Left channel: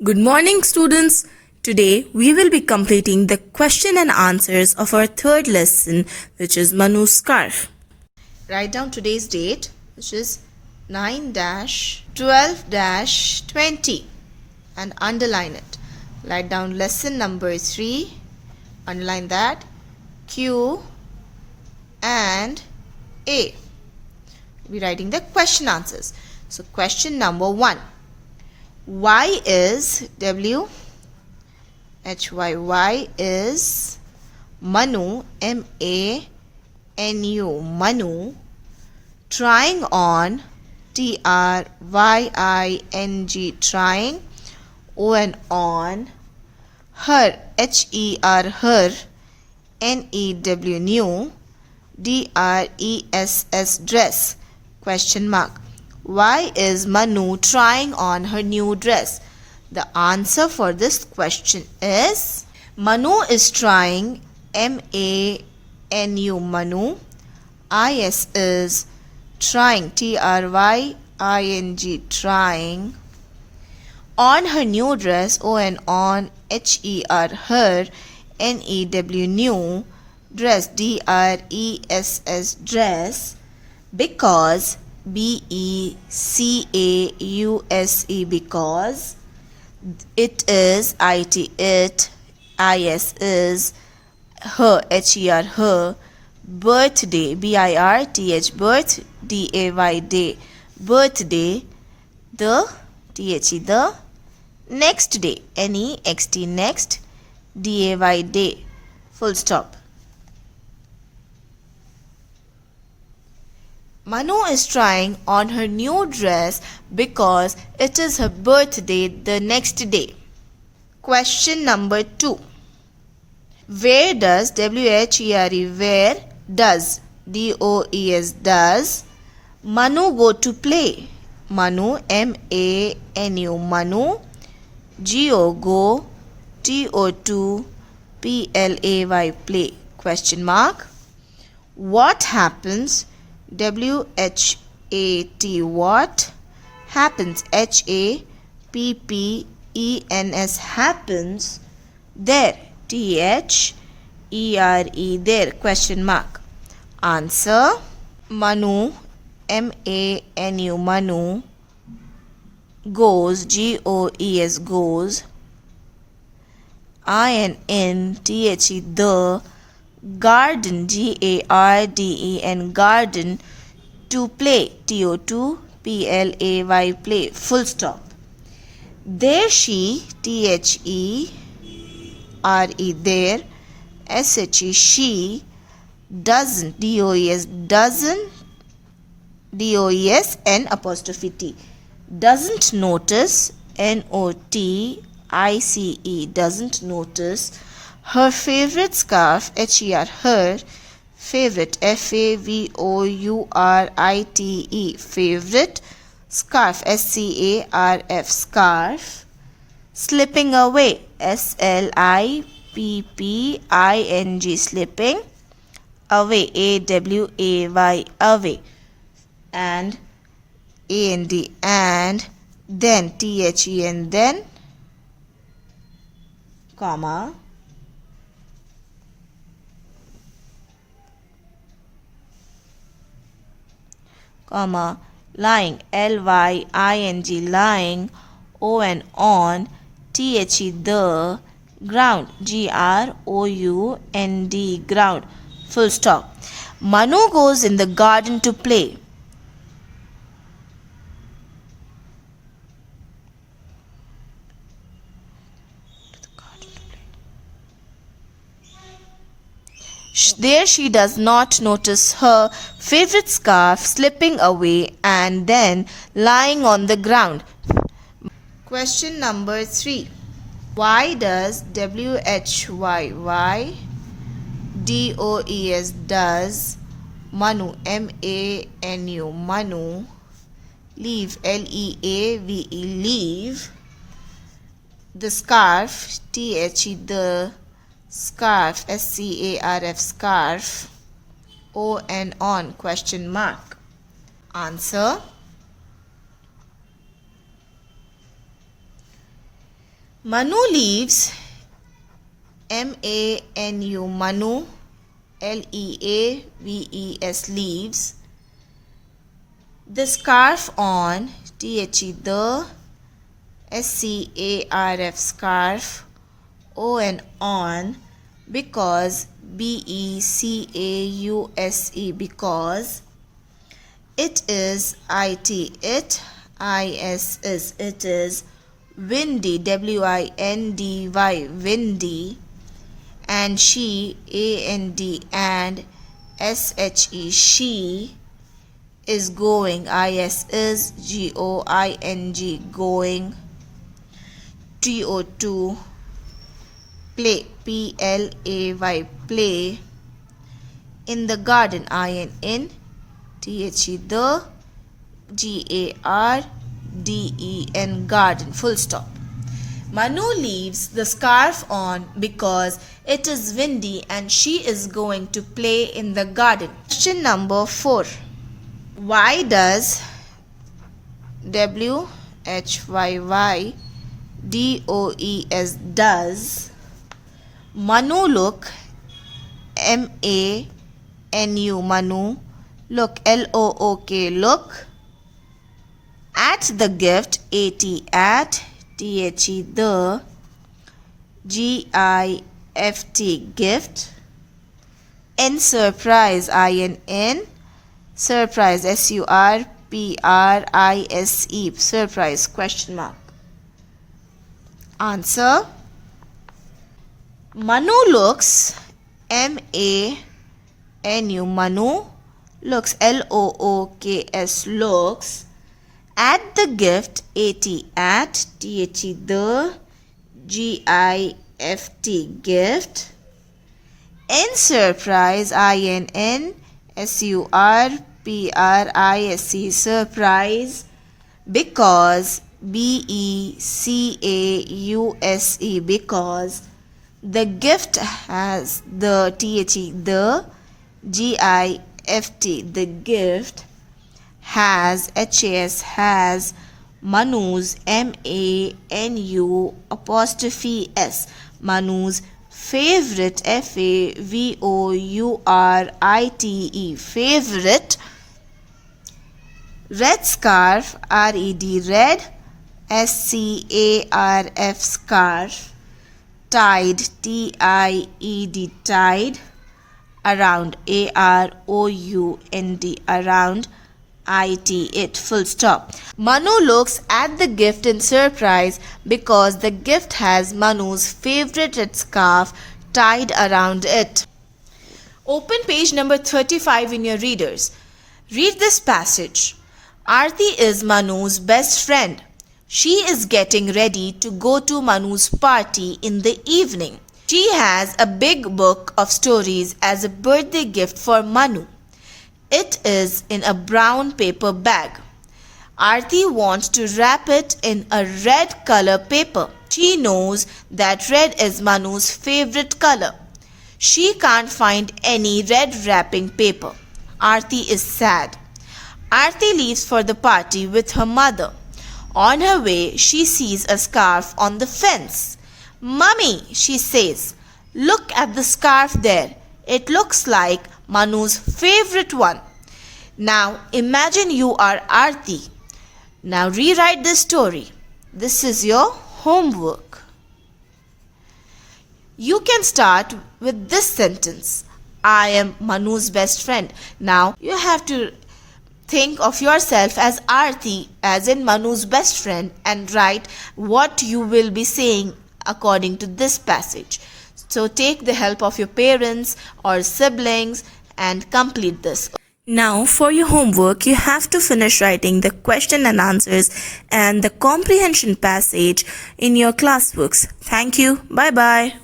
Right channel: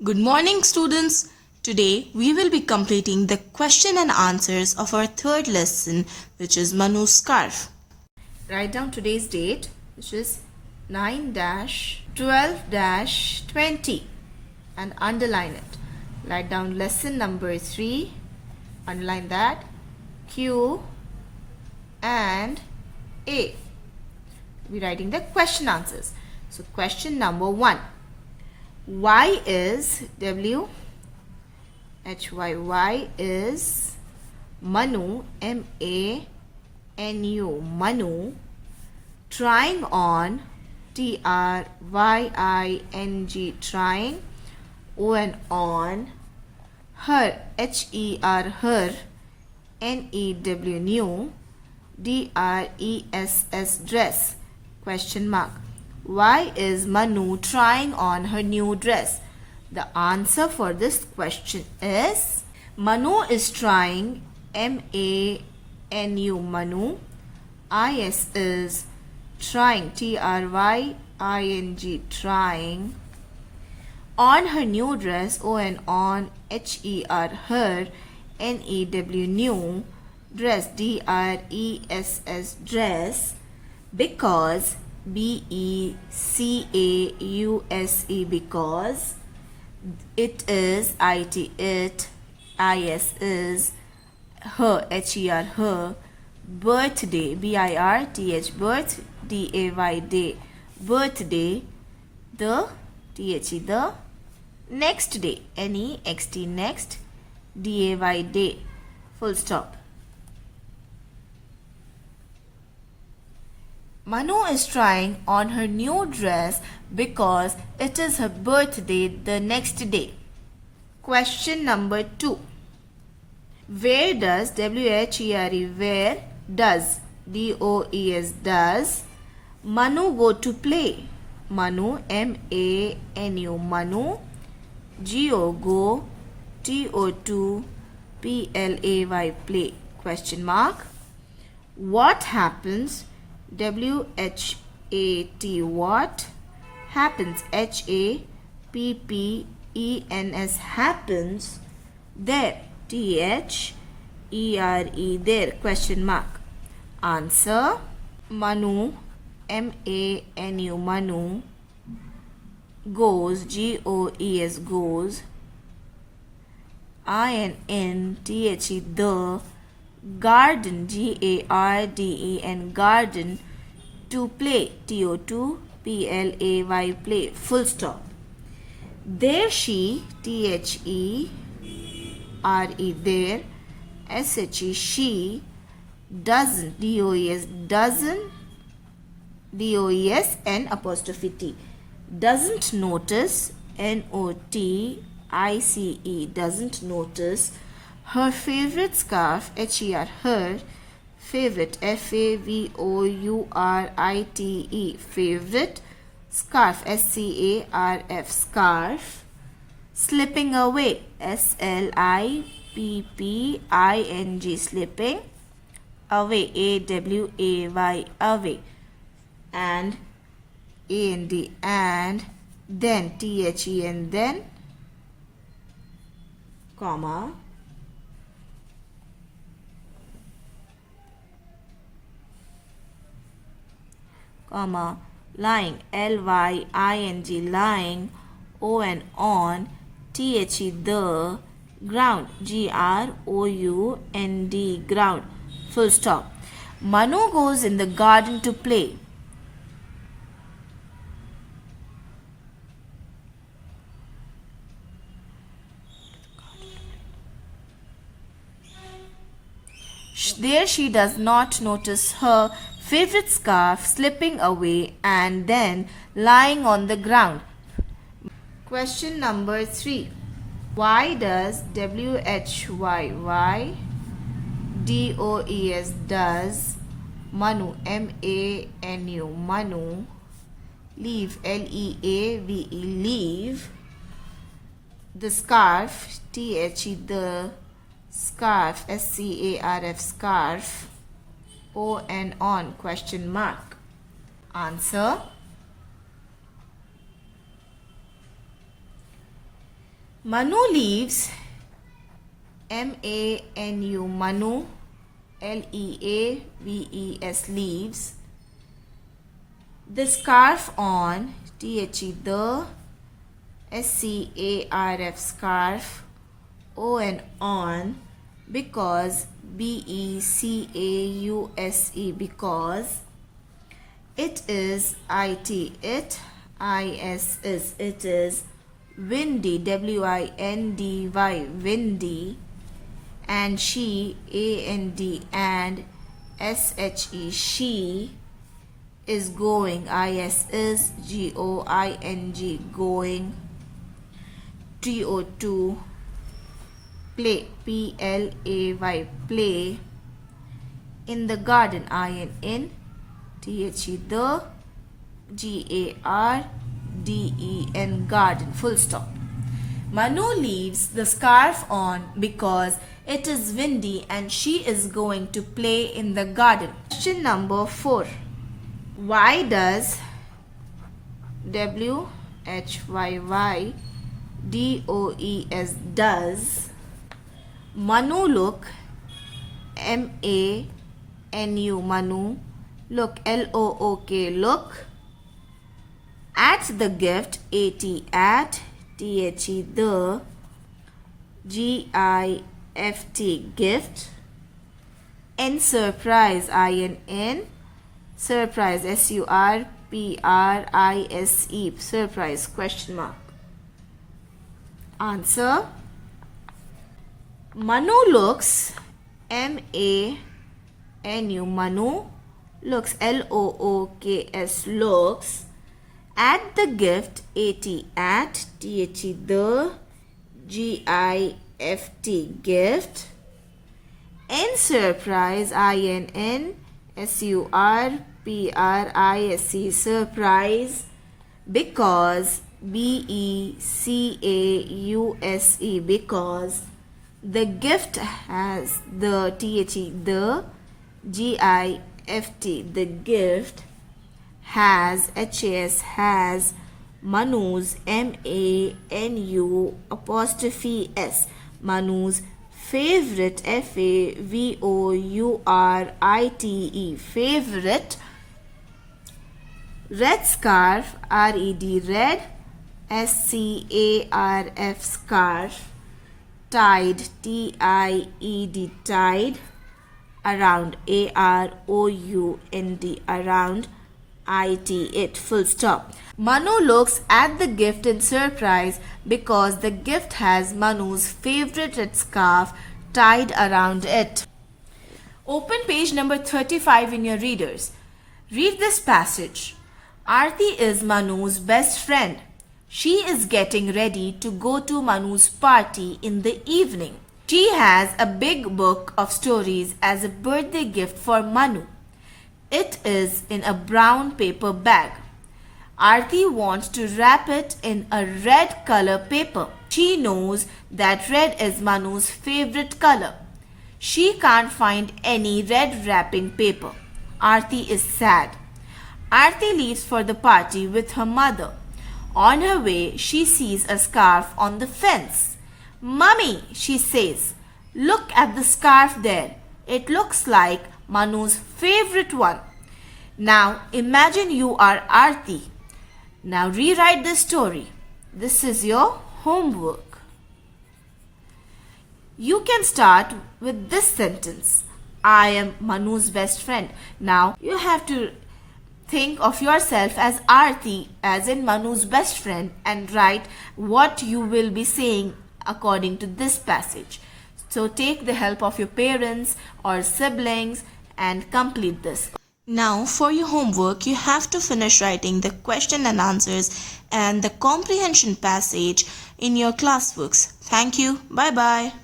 Good morning, students. Today we will be completing the question and answers of our third lesson, which is Manu's scarf. Write down today's date, which is 9-12-20, and underline it. Write down lesson number 3, underline that, Q and A. We'll be writing the question answers. So question number 1. Y is W H Y is Manu MANU Manu trying on TRYING trying on her HER NEW DRESS dress question mark. Why is Manu trying on her new dress? The answer for this question is Manu is trying MANU Manu. IS is trying TRYING trying on her new dress on HER NEW new dress DRESS dress because BECAUSE because it is it IS is her HER birthday BIRTH birth DAY day birthday the the next day NEXT next DAY day full stop. Manu is trying on her new dress because it is her birthday the next day. Question number 2. Where does WHERE where does DOES does Manu go to play? Manu MANU Manu GO go TO2 PLAY play question mark. What happens? WHAT what happens HAPPENS happens there THERE there question mark. Answer Manu MANU Manu goes GOES goes INTHE the garden GARDEN garden to play TO2 PLAY play full stop. There she THERE there SHE she doesn't DOES N apostrophe T doesn't notice NOTICE doesn't notice her favorite scarf her favorite FAVOURITE favorite scarf SCARF scarf slipping away SLIPPING slipping away AWAY away and AND and then THEN then comma lying LYING lying on THE ground GROUND ground full stop. Manu goes in the garden to play. There she does not notice her favorite scarf slipping away and then lying on the ground. Question number 3. Why does WHYY DOES does Manu MANU Manu leave LEAVE leave the scarf THE the scarf SCARF scarf on question mark. Answer Manu leaves, M-A-N-U, Manu, L-E-A-V-E-S, leaves, the scarf on, T-H-E, the, S-C-A-R-F, scarf, O-N, on, because, B-E-C-A-U-S-E, because, it is, I-T, it, I-S is, it is, windy, W-I-N-D-Y, windy, and she, A-N-D, and S-H-E, she, is going, I-S is, G-O-I-N-G, going, T-O-2, play, P-L-A-Y, play, in the garden, I-N, T-H-E, the, G-A-R-D-E-N, garden, full stop. Manu leaves the scarf on because it is windy and she is going to play in the garden. Question number 4. Why does, W-H-Y-Y-D-O-E-S, does, Manu look, M-A-N-U, Manu, look, L-O-O-K, look, at the gift, A-T, at, T-H-E, the, G-I-F-T, gift, in surprise, I-N-N, surprise, S-U-R-P-R-I-S-E, surprise, question mark. Answer, Manu looks, M-A-N-U, Manu, looks, L-O-O-K-S, looks, at the gift, A-T, at, T-H-E, the, G-I-F-T, gift, in surprise, I-N-N, S-U-R-P-R-I-S-E, surprise, because, B-E-C-A-U-S-E, because, the gift has, the, T-H-E, the, G-I-F-T, the gift, has, H-A-S, has, Manu's, M-A-N-U apostrophe S, Manu's favorite, F-A-V-O-U-R-I-T-E, favorite, red scarf, R-E-D, red, S-C-A-R-F, scarf, tied, T-I-E-D, tied, around, A-R-O-U-N-D, around, I-T, it, full stop. Manu looks at the gift in surprise because the gift has Manu's favorite red scarf tied around it. Open page number 35 in your readers. Read this passage. Aarti is Manu's best friend. She is getting ready to go to Manu's party in the evening. She has a big book of stories as a birthday gift for Manu. It is in a brown paper bag. Aarti wants to wrap it in a red color paper. She knows that red is Manu's favorite color. She can't find any red wrapping paper. Aarti is sad. Aarti leaves for the party with her mother. On her way, she sees a scarf on the fence. "Mummy," she says, "look at the scarf there. It looks like Manu's favorite one." Now imagine you are Aarti. Now rewrite this story. This is your homework. You can start with this sentence. I am Manu's best friend. Now you have to think of yourself as Aarti, as in Manu's best friend, and write what you will be saying according to this passage. So take the help of your parents or siblings and complete this. Now for your homework, you have to finish writing the question and answers and the comprehension passage in your class books. Thank you. Bye bye.